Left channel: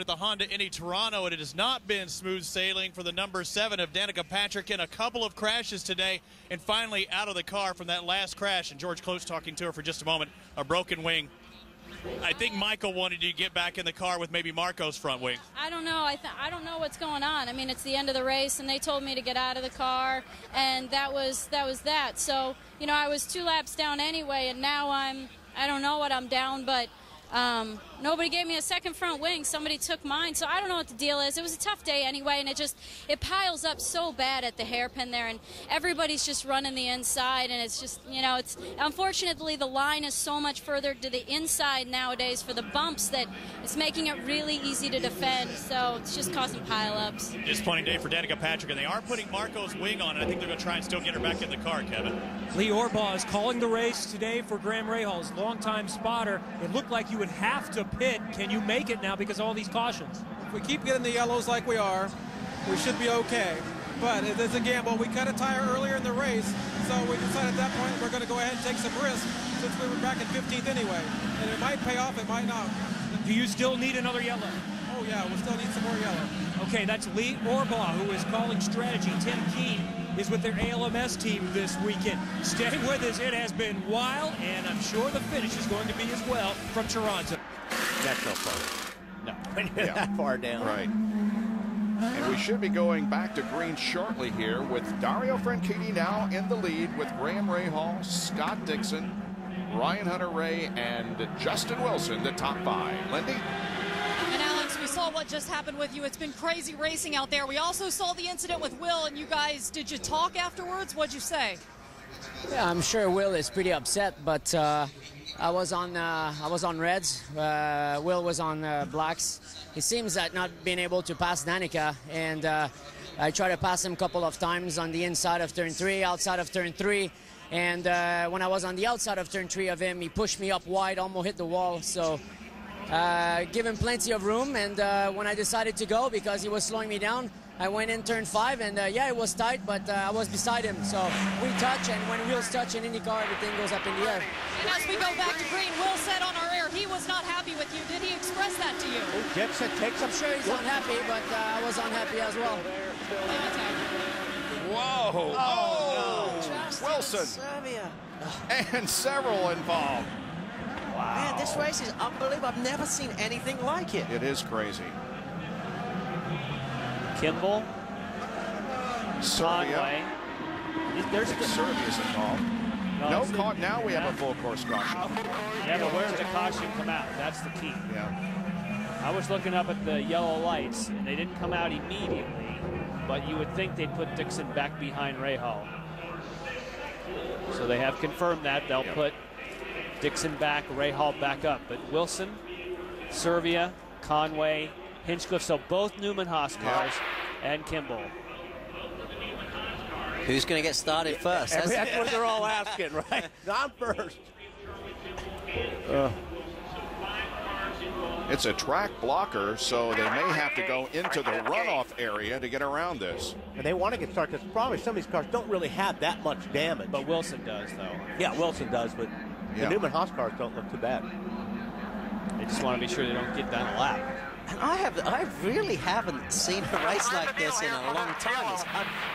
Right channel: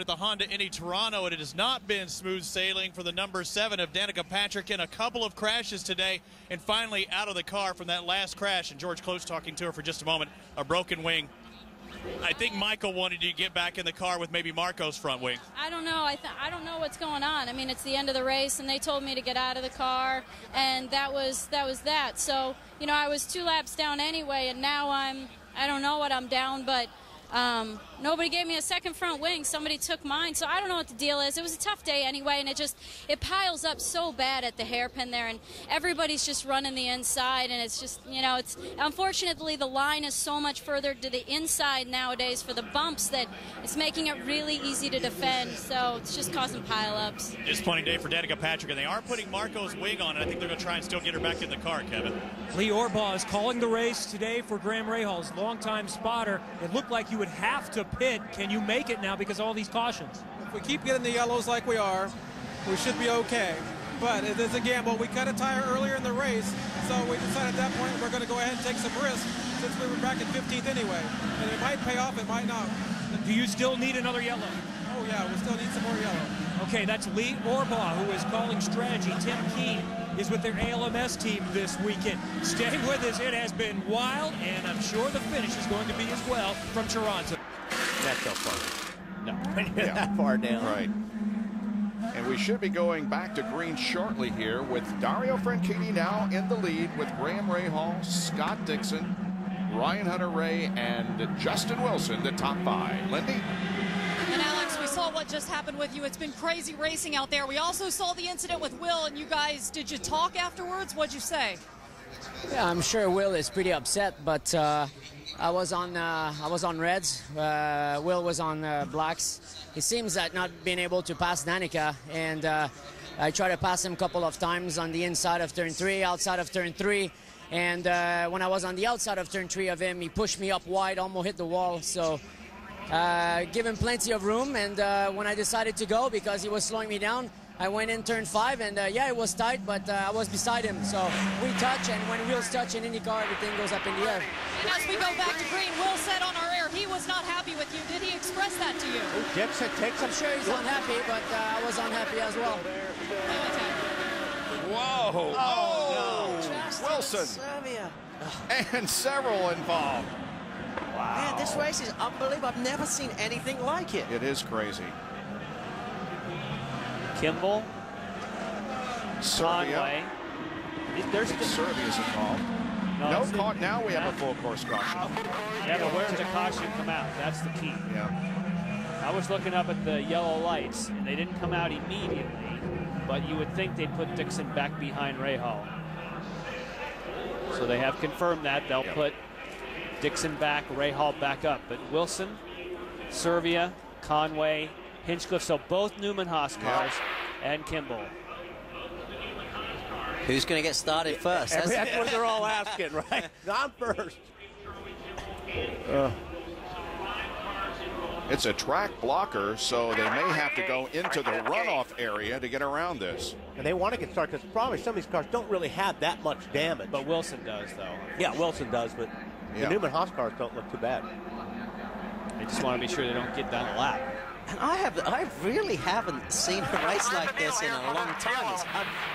At the Honda Indy Toronto, and it has not been smooth sailing for the number 7 of Danica Patrick in a couple of crashes today, and finally out of the car from that last crash. And George Close talking to her for just a moment. A broken wing. I think Michael wanted you to get back in the car with maybe Marco's front wing. I don't know. I don't know what's going on. I mean, it's the end of the race, and they told me to get out of the car, and that was that. So, you know, I was 2 laps down anyway, and now I don't know what I'm down, but nobody gave me a second front wing. Somebody took mine, so I don't know what the deal is. It was a tough day anyway, and it piles up so bad at the hairpin there, and everybody's just running the inside, and it's just, you know, it's unfortunately the line is so much further to the inside nowadays for the bumps that it's making it really easy to defend, so it's just causing pile-ups. Disappointing day for Danica Patrick, and they are putting Marco's wing on, and I think they're going to try and still get her back in the car, Kevin. Lee Orbaugh is calling the race today for Graham Rahal's longtime spotter. It looked like you would have to pit. Can you make it now because of all these cautions? If we keep getting the yellows like we are, we should be okay. But it is a gamble. We cut a tire earlier in the race, so we decided at that point we're going to go ahead and take some risks since we were back in 15th anyway. And it might pay off, it might not. Do you still need another yellow? Oh, yeah, we'll still need some more yellow. Okay, that's Lee Orbaugh, who is calling strategy. Tim Keene is with their ALMS team this weekend. Stay with us. It has been wild, and I'm sure the finish is going to be as well from Toronto. That's no fun. No, when you're Yeah. that far down. Right. And we should be going back to green shortly here with Dario Franchitti now in the lead with Graham Rahal, Scott Dixon, Ryan Hunter-Reay, and Justin Wilson, the top 5. Lindy? And Alex, we saw what just happened with you. It's been crazy racing out there. We also saw the incident with Will, and you guys, did you talk afterwards? What'd you say? Yeah, I'm sure Will is pretty upset, but I was on reds. Will was on blacks. It seems that not being able to pass Danica, and I tried to pass him a couple of times on the inside of turn 3, outside of turn 3, and when I was on the outside of turn 3 of him, he pushed me up wide, almost hit the wall. So. Give him plenty of room, and when I decided to go because he was slowing me down, I went in turn 5, and yeah, it was tight, but I was beside him, so we touch, and when wheels touch in IndyCar, everything goes up in the air. And as we go back to green, Will said on our air he was not happy with you. Did he express that to you? Oh, Dixon takes I'm sure he's unhappy, but I was unhappy as well. Whoa! Oh, no. Wilson! And several involved. Wow. Man, this race is unbelievable. I've never seen anything like it. It is crazy. Kimball, Serbia. There's Serbia's involved. No caught. Now we have a full course caution. Yeah, but where does the caution come out? That's the key. Yeah. I was looking up at the yellow lights, and they didn't come out immediately, but you would think they'd put Dixon back behind Rahal. So they have confirmed that. They'll put Dixon back, Rahal back up. But Wilson, Serbia, Conway, Hinchcliffe, so both Newman Haas cars, and Kimball. Who's going to get started first? That's what they're all asking, right? I'm first. It's a track blocker, so they may have to go into the runoff area to get around this. And they want to get started because probably some of these cars don't really have that much damage. But Wilson does, though. Yeah, Wilson does, but the Newman Haas cars don't look too bad. They just want to be sure they don't get down a lap. And I really haven't seen a race like this in a long time. It's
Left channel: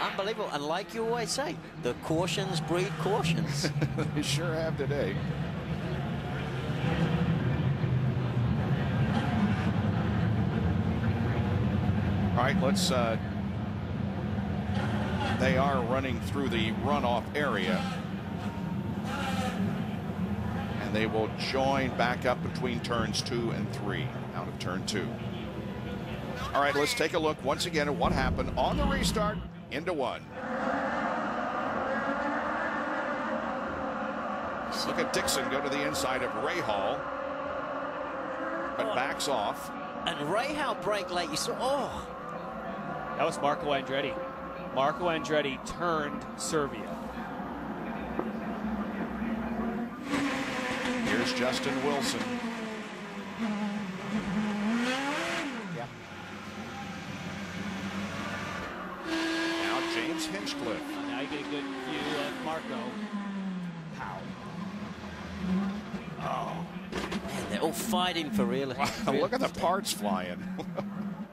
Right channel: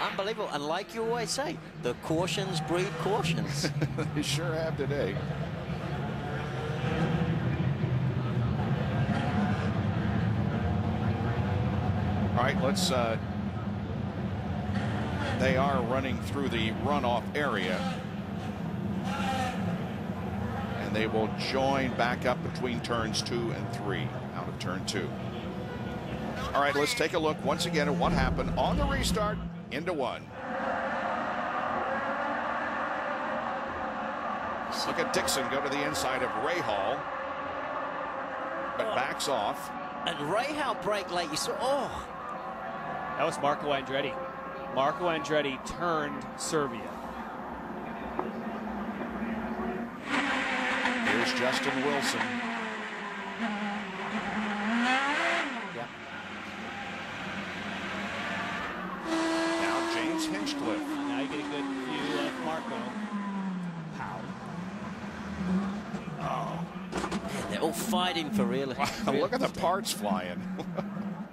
unbelievable. And like you always say, the cautions breed cautions. They sure have today. All right, let's. They are running through the runoff area. And they will join back up between turns 2 and 3 out of turn 2. All right, let's take a look once again at what happened on the restart into 1. Look at Dixon go to the inside of Rahal, but backs off. And Rahal brake late. You saw, oh. That was Marco Andretti. Marco Andretti turned Serbia. Here's Justin Wilson. Yeah. Now James Hinchcliffe. Now you get a good view of Marco. Pow. Oh. Man, they're all fighting for real. Wow, look at the parts flying.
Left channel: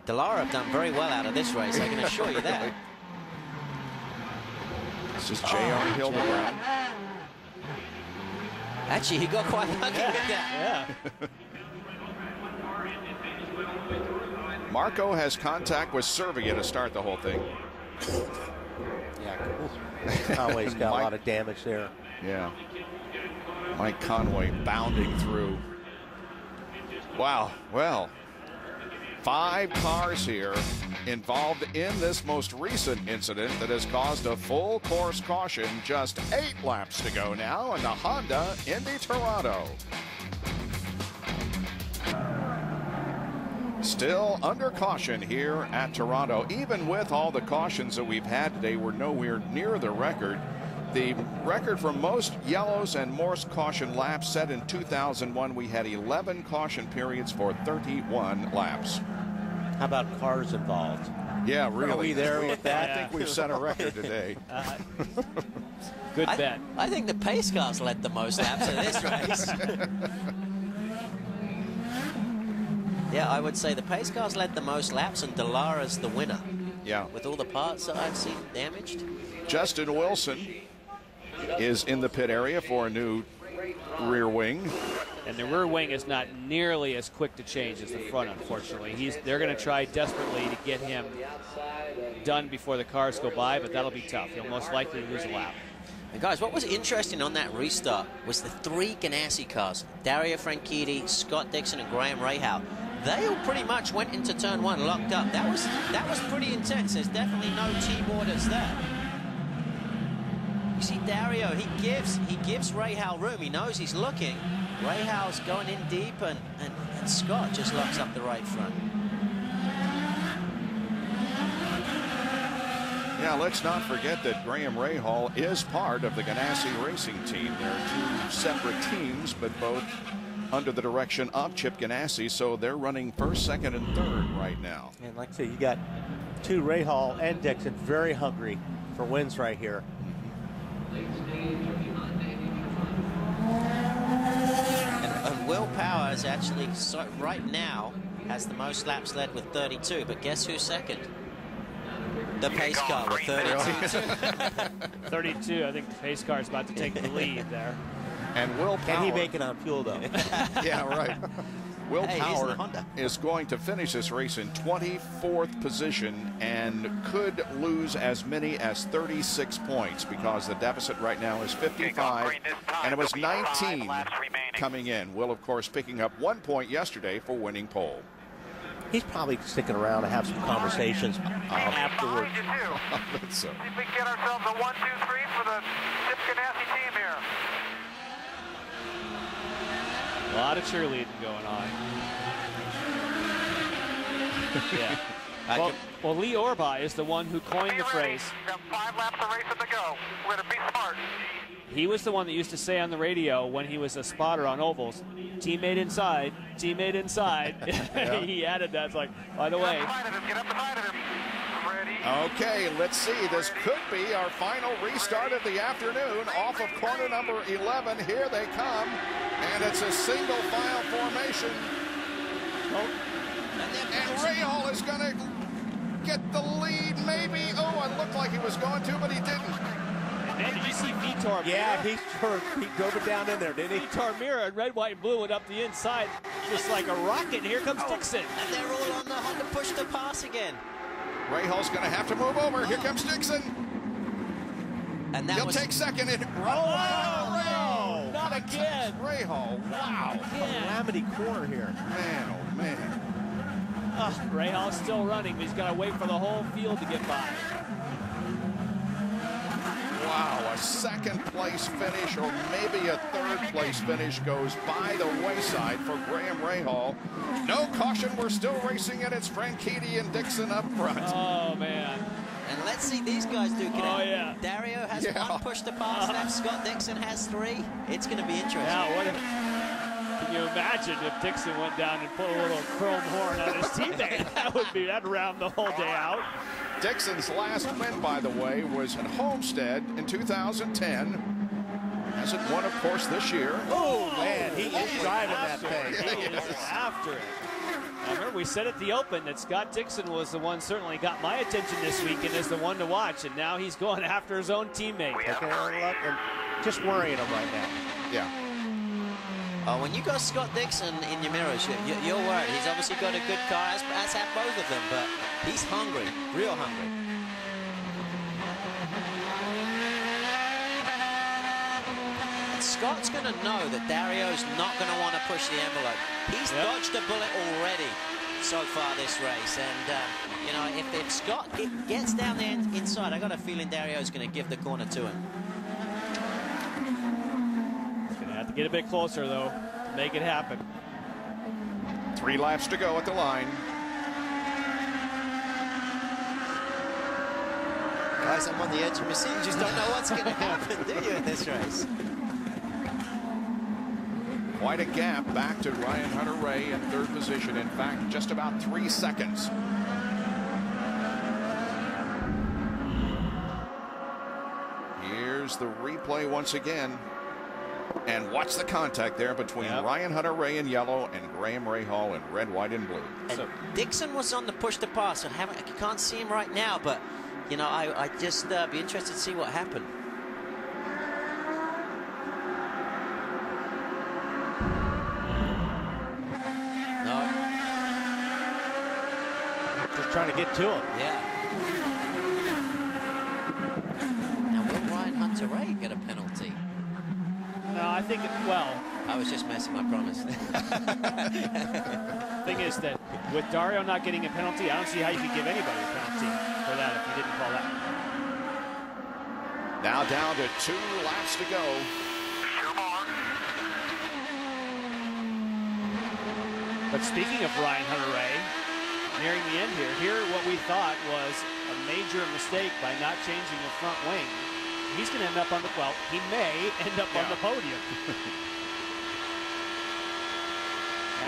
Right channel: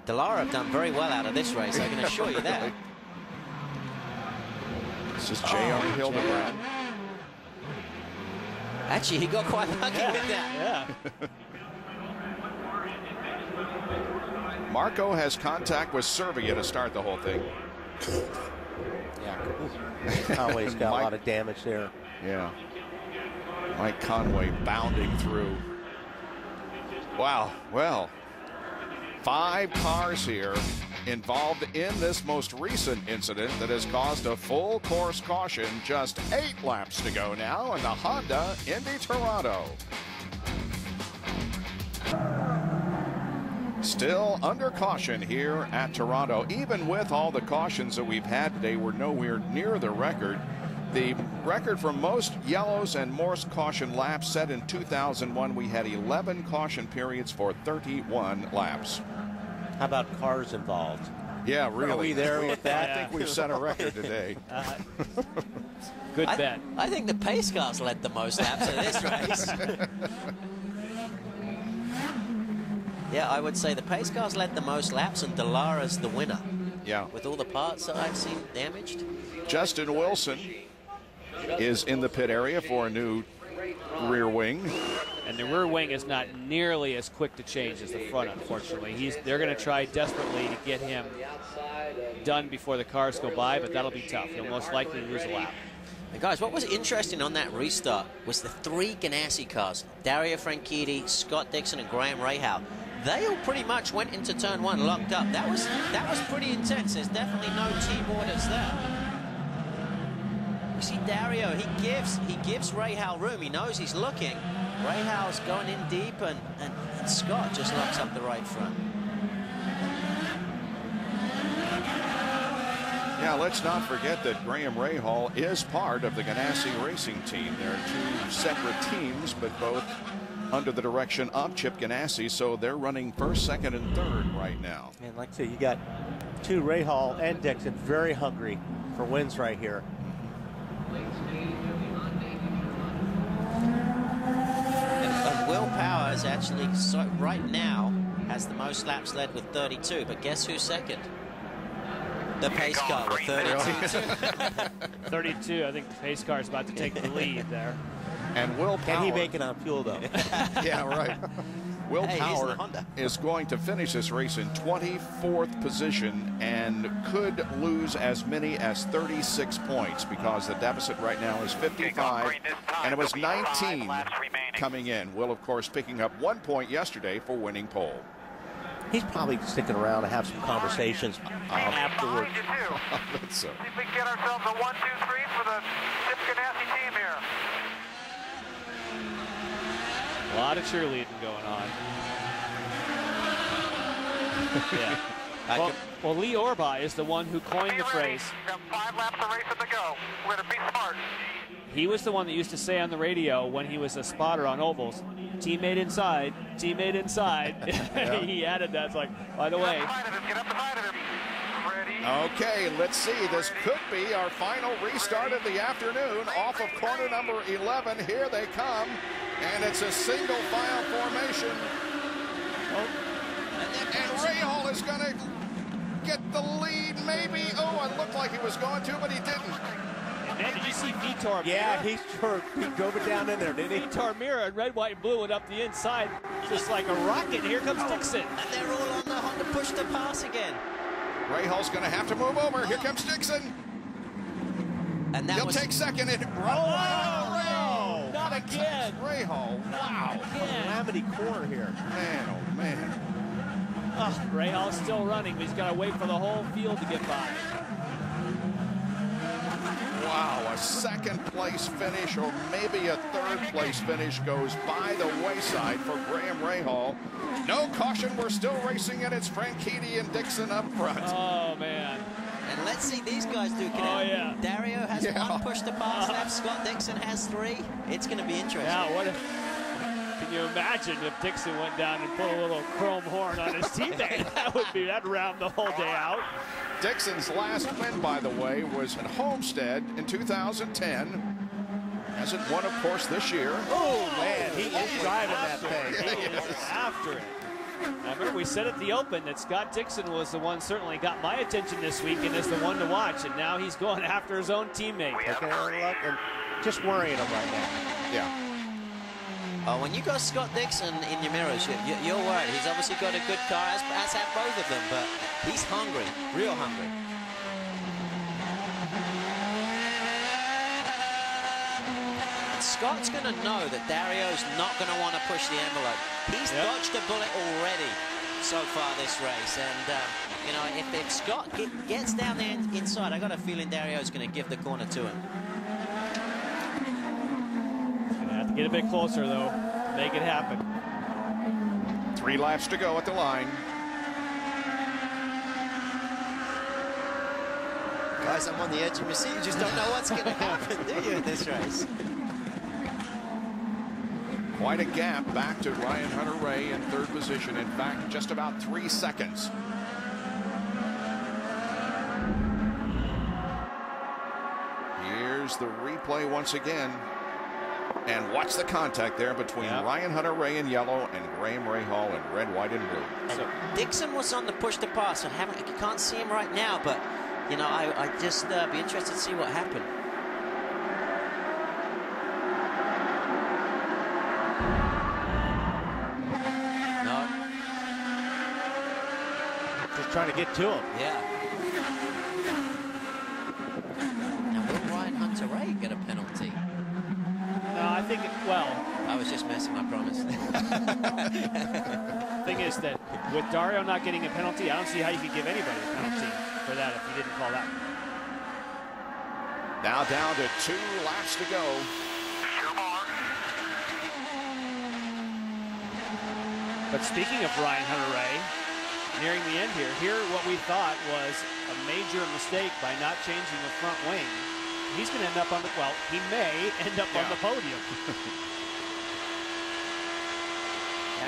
Dallara have done very well out of this race, I can assure you that. This is J.R. Hildebrand. Actually, he got quite lucky with that. Yeah. Marco has contact with Servia to start the whole thing. Yeah. Conway's got a lot of damage there. Yeah. Mike Conway bounding through. Wow. Well, 5 cars here involved in this most recent incident that has caused a full course caution. Just 8 laps to go now in the Honda Indy Toronto. Still under caution here at Toronto. Even with all the cautions that we've had today, we're nowhere near the record. The record for most yellows and most caution laps set in 2001. We had 11 caution periods for 31 laps. How about cars involved? Yeah, really. Are we there with that? I think we've set a record today. Good bet. I think the pace cars led the most laps in this race. Yeah, I would say the pace cars led the most laps, and Dallara's the winner. Yeah. With all the parts that I've seen damaged. Justin Wilson is in the pit area for a new rear wing. And the rear wing is not nearly as quick to change as the front, unfortunately. They're going to try desperately to get him done before the cars go by, but that'll be tough. He'll most likely lose a lap. And guys, what was interesting on that restart was the 3 Ganassi cars, Dario Franchitti, Scott Dixon, and Graham Rahal. They all pretty much went into turn 1 locked up. That was pretty intense. There's definitely no team orders there. You see Dario, he gives Rahal room. He knows he's looking. Rahal's going in deep, and Scott just locks up the right front. Yeah, let's not forget that Graham Rahal is part of the Ganassi racing team. There are 2 separate teams, but both under the direction of Chip Ganassi, so they're running 1st, 2nd, and 3rd right now. And like I say, you got 2 Rahal and Dixon very hungry for wins right here. And Will Powers actually, right now, has the most laps led with 32, but guess who's second? The pace car with 32. 32, I think the pace car is about to take the lead there. And Will Power. Can he make it on fuel, though? Yeah, right. Will Power Honda. is going to finish this race in 24th position and could lose as many as 36 points because the deficit right now is 55, and it was 19 coming in. Will, of course, picking up 1 point yesterday for winning pole. He's probably sticking around to have some conversations afterwards. That's so. See if we can get ourselves a 1, 2, 3 for the Chip Ganassi team here. A lot of cheerleading going on. Yeah. Well, Lee Orba is the one who coined the phrase. We've got 5 laps of racing to go. We're going to be smart. He was the one that used to say on the radio when he was a spotter on ovals, teammate inside, teammate inside. Yeah. He added that. It's like, by the way. Get up behind him. Ready. Okay, let's see. This could be our final restart of the afternoon off of corner number 11. Here they come. And it's a single file formation. Oh. And Rahal is going to get the lead, maybe. Oh, it looked like he was going to, but he didn't. And then did you see Vitor Mira? Yeah, he drove it down in there, didn't he? Vitor Mira in red, white, and blue went up the inside just like a rocket. And here comes Dixon. And they're all on the Honda push to pass again. Rahal's going to have to move over. Here comes Dixon. And that He'll take second. And no, not again. Rahal, wow. Calamity corner here. Man, oh, man. Rahal's still running, but he's got to wait for the whole field to get by. Wow, a 2nd place finish or maybe a 3rd place finish goes by the wayside for Graham Rahal. No caution, we're still racing, and it's Franchitti and Dixon up front. Oh, man. And let's see these guys do. Yeah. Dario has 1 push to pass left. Scott Dixon has 3. It's going to be interesting. Yeah, can you imagine if Dixon went down and put a little chrome horn on his teammate? That'd round the whole day out. Dixon's last win, by the way, was at Homestead in 2010. Hasn't won, of course, this year. Oh, man, he is driving that thing. He is after it. I remember we said at the Open that Scott Dixon was the one certainly got my attention this week and is the one to watch, and now he's going after his own teammate. Taking a look and just worrying him right now. Yeah. When you got Scott Dixon in your mirrors, you're worried. He's obviously got a good car, as have both of them, but he's hungry, real hungry. And Scott's going to know that Dario's not going to want to push the envelope. He's dodged a bullet already so far this race, and you know, if Scott gets down there inside, I got a feeling Dario's going to give the corner to him. Have to get a bit closer, though, to make it happen. 3 laps to go at the line. Guys, I'm on the edge of my seat. You just don't know what's going to happen, do you, in this race? Quite a gap back to Ryan Hunter-Reay in 3rd position. In fact, just about 3 seconds. Here's the replay once again. And watch the contact there between Ryan Hunter-Reay in yellow and Graham Rahal in red, white, and blue. And Dixon was on the push to pass, so I can't see him right now, but, you know, I just be interested to see what happened. No. Just trying to get to him. Yeah. Now, will Ryan Hunter-Reay get a penalty? No, I think, well... I was just messing, I promise. Thing is that with Dario not getting a penalty, I don't see how you could give anybody a penalty for that if you didn't call that. Now down to 2 laps to go. But speaking of Ryan Hunter-Reay, nearing the end here what we thought was a major mistake by not changing a front wing. He's going to end up on the, well, he may end up on the podium.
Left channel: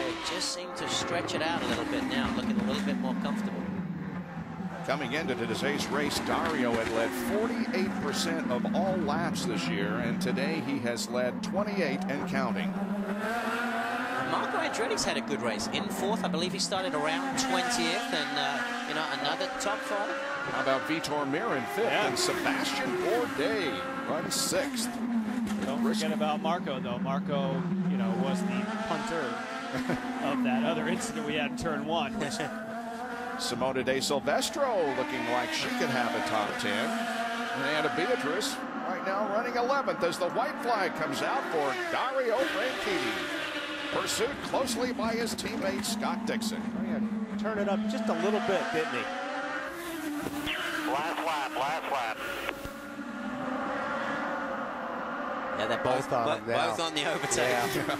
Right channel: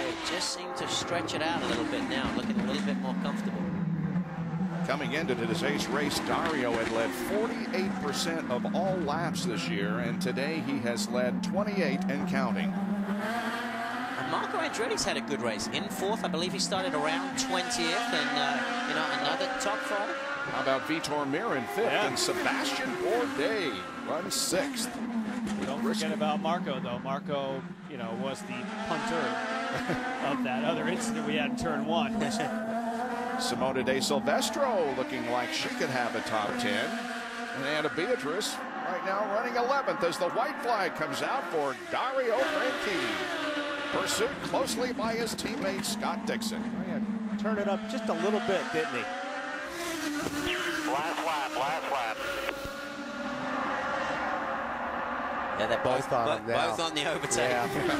He just seemed to stretch it out a little bit now, looking a little bit more comfortable. Coming into today's race, Dario had led 48% of all laps this year, and today he has led 28 and counting. And Marco Andretti's had a good race. In 4th, I believe he started around 20th, and, you know, another top 5. How about Vitor Mir in 5th, and Sebastian Bourdais runs 6th. Don't forget about Marco, though. Marco, you know, was the punter of that other incident we had in turn 1. Simona De Silvestro looking like she could have a top 10. And Anna Beatrice right now running 11th as the white flag comes out for Dario Franchitti. Pursued closely by his teammate Scott Dixon. Oh, yeah, turn it up just a little bit, didn't he? Last lap. Yeah, they're both on the overtake. Yeah.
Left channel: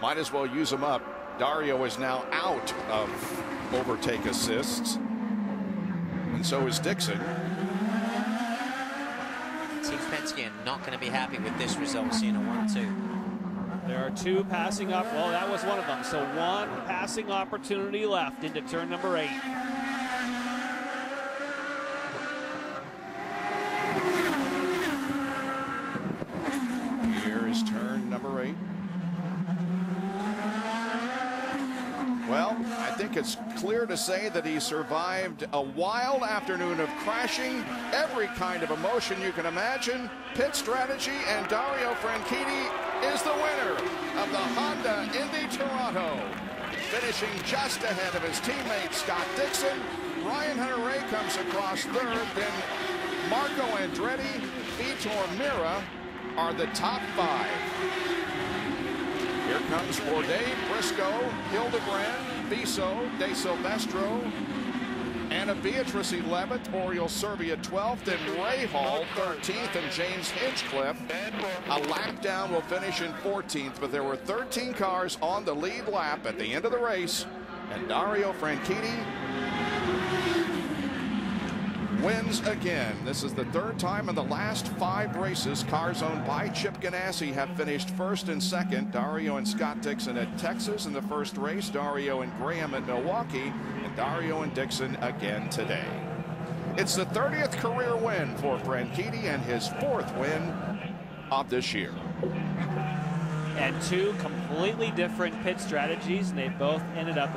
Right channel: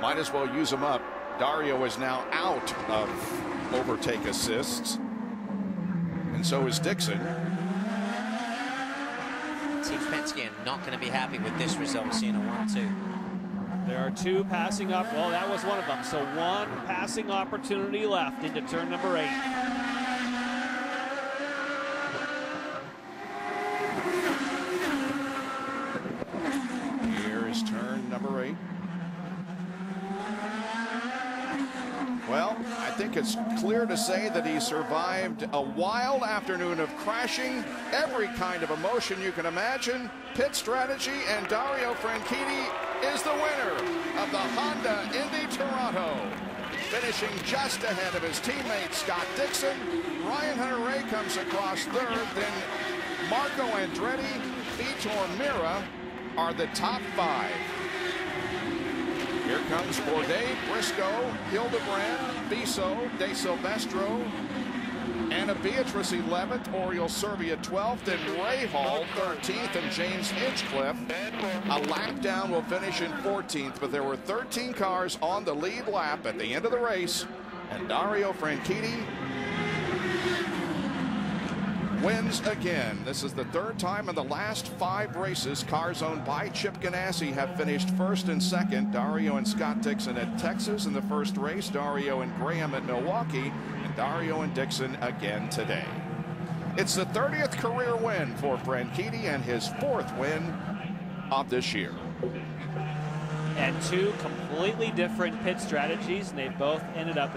Might as well use them up. Dario is now out of overtake assists. And so is Dixon. Team Penske are not going to be happy with this result, seeing a 1-2. There are 2 passing up. Well, that was one of them. So 1 passing opportunity left into turn number 8. Here is turn number 8. Well, I think it's clear to say that he survived a wild afternoon of crashing, every kind of emotion you can imagine, pit strategy, and Dario Franchitti is the winner of the Honda Indy Toronto. Finishing just ahead of his teammate Scott Dixon. Ryan Hunter-Reay comes across 3rd, then Marco Andretti, Vitor Mir are the top 5. Here comes Bourdais, Briscoe, Hildebrand, Viso, De Silvestro, Anna Beatrice 11th, Oriol Servia 12th, and Rahal 13th, and James Hinchcliffe a lap down will finish in 14th, but there were 13 cars on the lead lap at the end of the race, and Dario Franchitti wins again. This is the 3rd time in the last 5 races cars owned by Chip Ganassi have finished 1st and 2nd. Dario and Scott Dixon at Texas in the first race, Dario and Graham at Milwaukee, and Dario and Dixon again today. It's the 30th career win for Franchitti and his 4th win of this year. And two completely different pit strategies, and they both ended up